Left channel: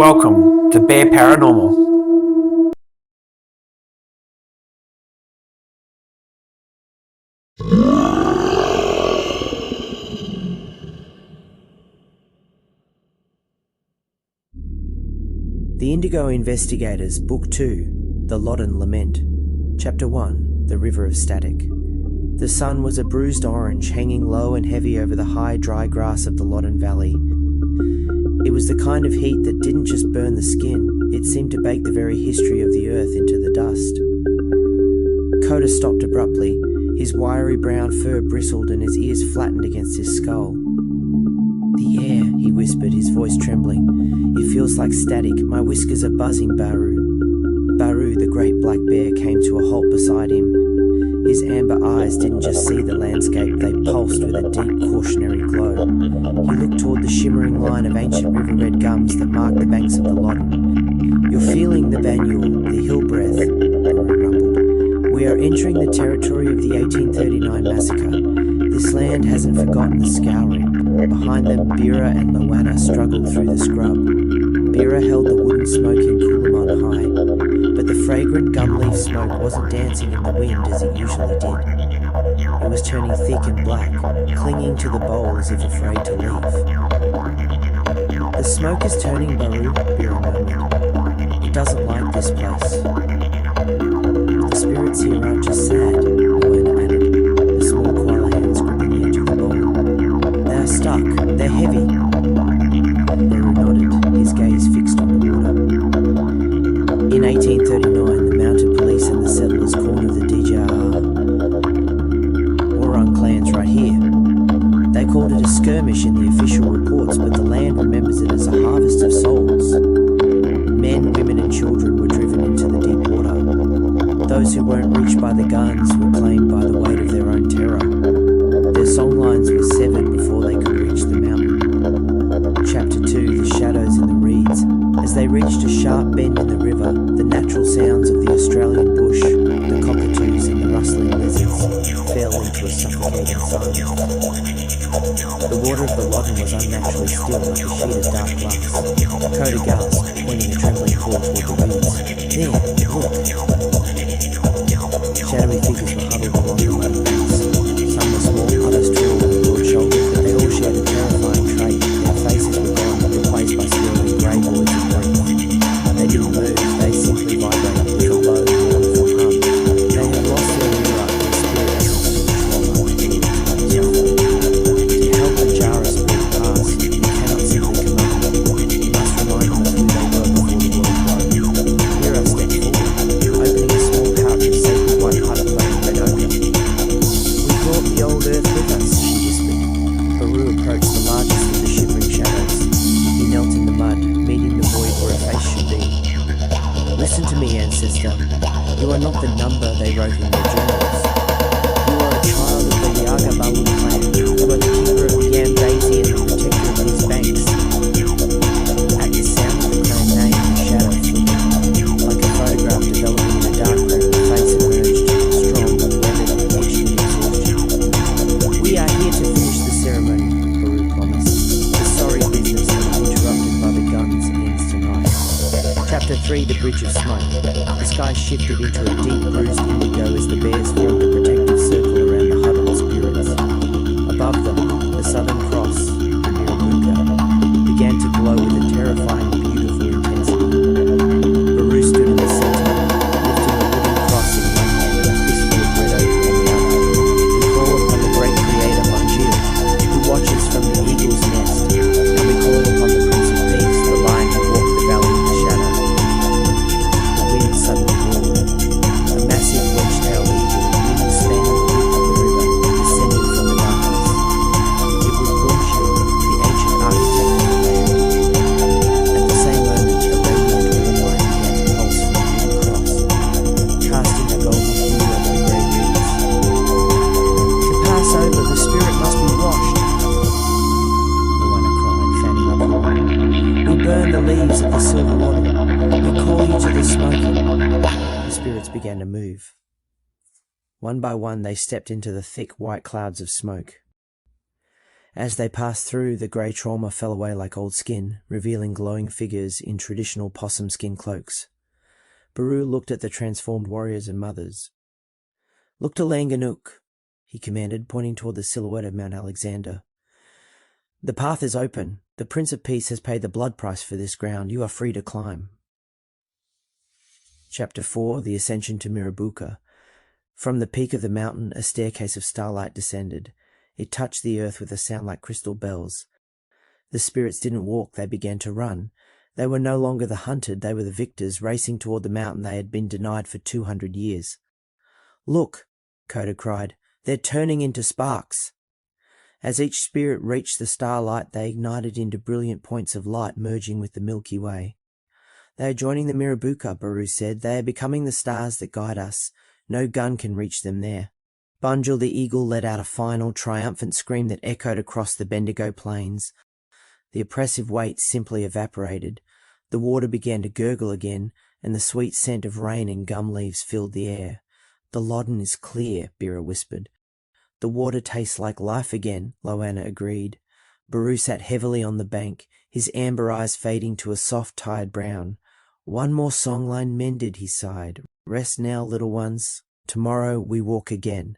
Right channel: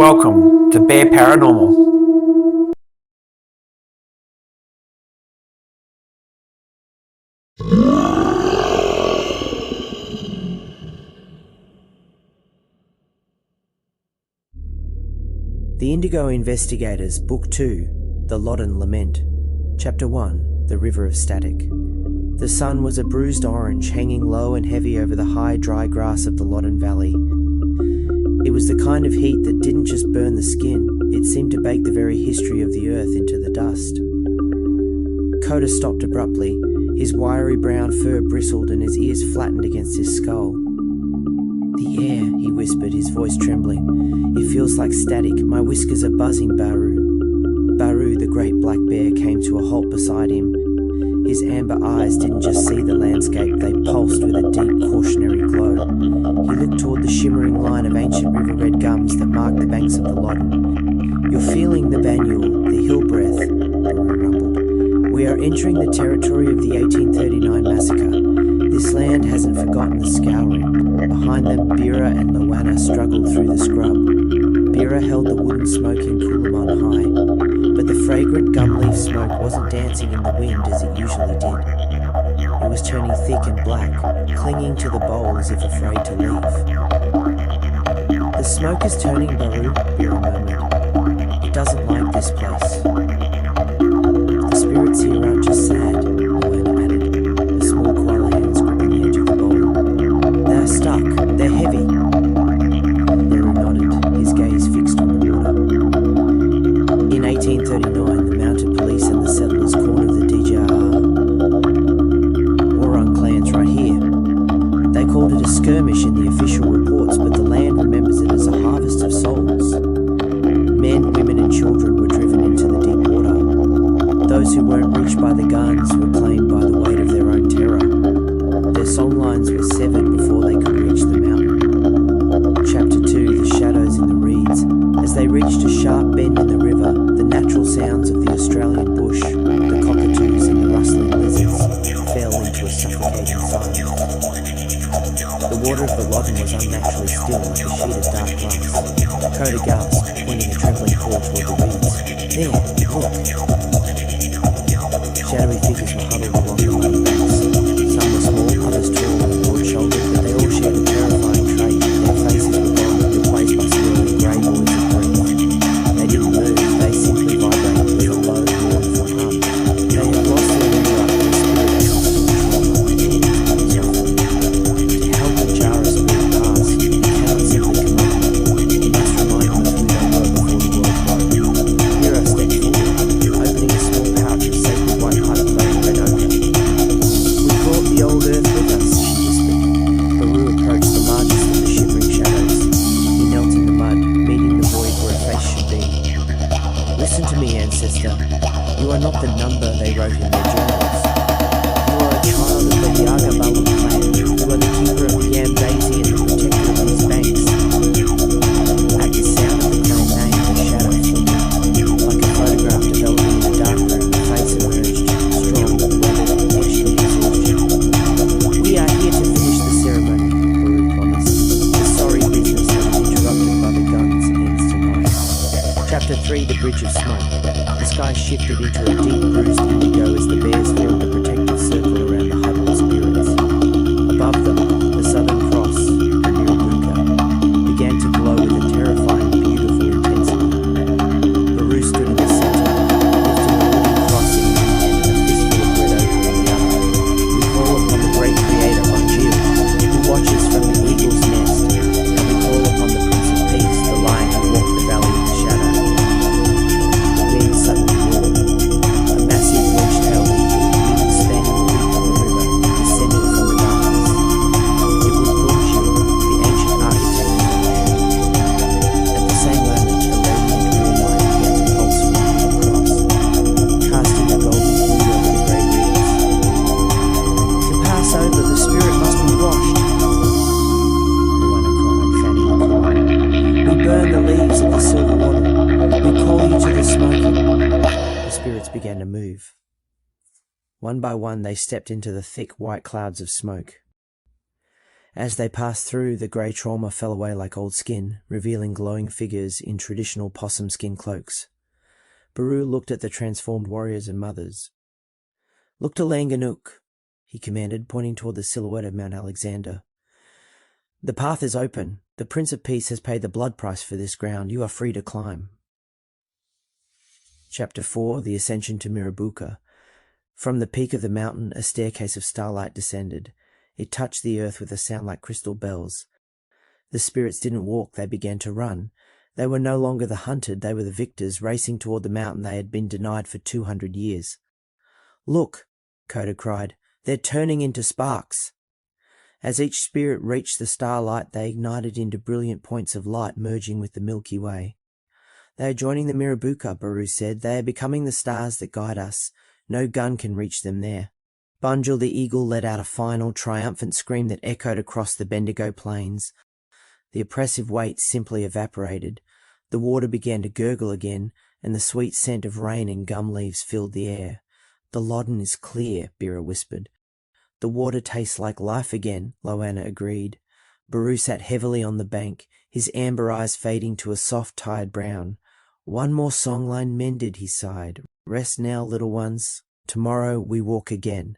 Welcome to Bear Paranormal. The Indigo Investigators, Book 2, The Loddon Lament. Chapter 1, The River of Static. The sun was a bruised orange, hanging low and heavy over the high, dry grass of the Loddon Valley. It was the kind of heat that didn't just burn the skin, it seemed to bake the very history of the earth into the dust. Coda stopped abruptly. His wiry brown fur bristled and his ears flattened against his skull. "The air," he whispered, his voice trembling. "It feels like static. My whiskers are buzzing, Baru." Baru, the great black bear, came to a halt beside him. His amber eyes didn't just see the landscape, they pulsed with a deep cautionary glow. He looked toward the shimmering line of ancient river-red gums that marked the banks of the Loddon. "You're feeling the Banyul, the hill breath," Baru rumbled. "We are entering the territory of the 1839 massacre. This land hasn't forgotten the scouring." Behind them, Bira and Loanna struggled through the scrub. Bira held the wooden smoking Coolamon high, but the fragrant gum leaf smoke wasn't dancing in the wind as it usually did. It was turning thick and black, clinging to the bowl as if afraid to leave. "The smoke is turning, Baru," Bira murmured. "It doesn't like this place." "The spirits here aren't just sad," Loanna added, the small koala hands gripping the edge of the bowl. "They are stuck. They're heavy." Baru nodded, his gaze fixed on the water. In 1839, the mounted police and the settlers cornered the DJR Orang clans right here. They called it a skirmish in the official reports, but the land remembers it as a harvest of souls. Men, women and children were driven into the deep water. Those who weren't reached by the guns were claimed by the weight of their own terror. Their songlines were severed before they could reach the mountain. Chapter 2, The Shadows in the Reeds. As they reached a sharp bend in the river, the natural sounds of the Australian bush, the cockatoos and the rustling lizards, fell into a suffocating silence. The water of the Loddon was unnaturally still, like a sheet of dark glass. Coda gasped, pointing a trembling paw toward the reeds. "There, look!" Shadowy figures were huddled along the muddy banks. Some were small, others tall and broad-shouldered, but they all shared a terrifying trait. Their faces were gone, replaced by swirling grey voids of grief. They didn't move, they simply vibrated with a low, mournful hum. They had lost their interrupted spirit essence to the trauma. To help a Jara spirit pass, you cannot simply command them. You must remind them of who they were before the world broke. Mira stepped forward, opening a small pouch of sacred white pipe clay and red ochre. "We brought the old earth with us," she whispered. Baru approached the largest of the shivering shadows. He knelt in the mud, meeting the void where a face should be. "Listen to me, ancestor. You are not the number they wrote in their journals. You are a child of the Yaga Balu clan. You are the keeper of the Yambazi and the protector of these banks." At the sound of the clan name, the shadow flickered. Like a photograph developing in a dark room, the face emerged, strong, weathered, and etched with exhaustion. "We are here to finish the ceremony," Baru promised. "The sorry business that was interrupted by the guns ends tonight." Chapter 3, The Bridge of Smoke. The sky shifted into a deep bruised indigo as the bears formed a protective circle around the huddled spirits. Above them, the Southern Cross, the Mirabuka, began to glow with a terrifying, beautiful intensity. Baru stood in the center, lifting a wooden cross in one hand and a fistful of red ochre in the other. "We call upon the great creator, Manjil, who watches from the eagle's nest, and we call upon the Prince of Peace, the lion who walked the valley in the shadow." The wind suddenly roared. A massive wedge-tailed eagle, wingspan on the width of the river, descended from the darkness. It was Bunjil, the ancient architect of the land. At the same moment, a radiant warm light began to pulse from the wooden cross, casting a golden hue over the grey reeds. "To pass over, the spirit must be washed," Luana cried, fanning the cool. "We burn the leaves of the silver wattle. We call you to the smoking." The spirits began to move. One by one they stepped into the thick white clouds of smoke. As they passed through, the grey trauma fell away like old skin, revealing glowing figures in traditional possum skin cloaks. Baru looked at the transformed warriors and mothers. "Look to Langanuk," he commanded, pointing toward the silhouette of Mount Alexander. "The path is open. The Prince of Peace has paid the blood price for this ground. You are free to climb." Chapter 4, The Ascension to Mirabuka. From the peak of the mountain, a staircase of starlight descended. It touched the earth with a sound like crystal bells. The spirits didn't walk, they began to run. They were no longer the hunted, they were the victors, racing toward the mountain they had been denied for 200 years. "Look," Coda cried, "they're turning into sparks." As each spirit reached the starlight, they ignited into brilliant points of light, merging with the Milky Way. "They are joining the Mirabuka," Baru said. "They are becoming the stars that guide us. No gun can reach them there." Bunjil the eagle let out a final, triumphant scream that echoed across the Bendigo plains. The oppressive weight simply evaporated. The water began to gurgle again, and the sweet scent of rain and gum leaves filled the air. "The Loddon is clear," Bira whispered. "The water tastes like life again," Loanna agreed. Baru sat heavily on the bank, his amber eyes fading to a soft, tired brown. "One more songline mended," he sighed. "Rest now, little ones. Tomorrow we walk again."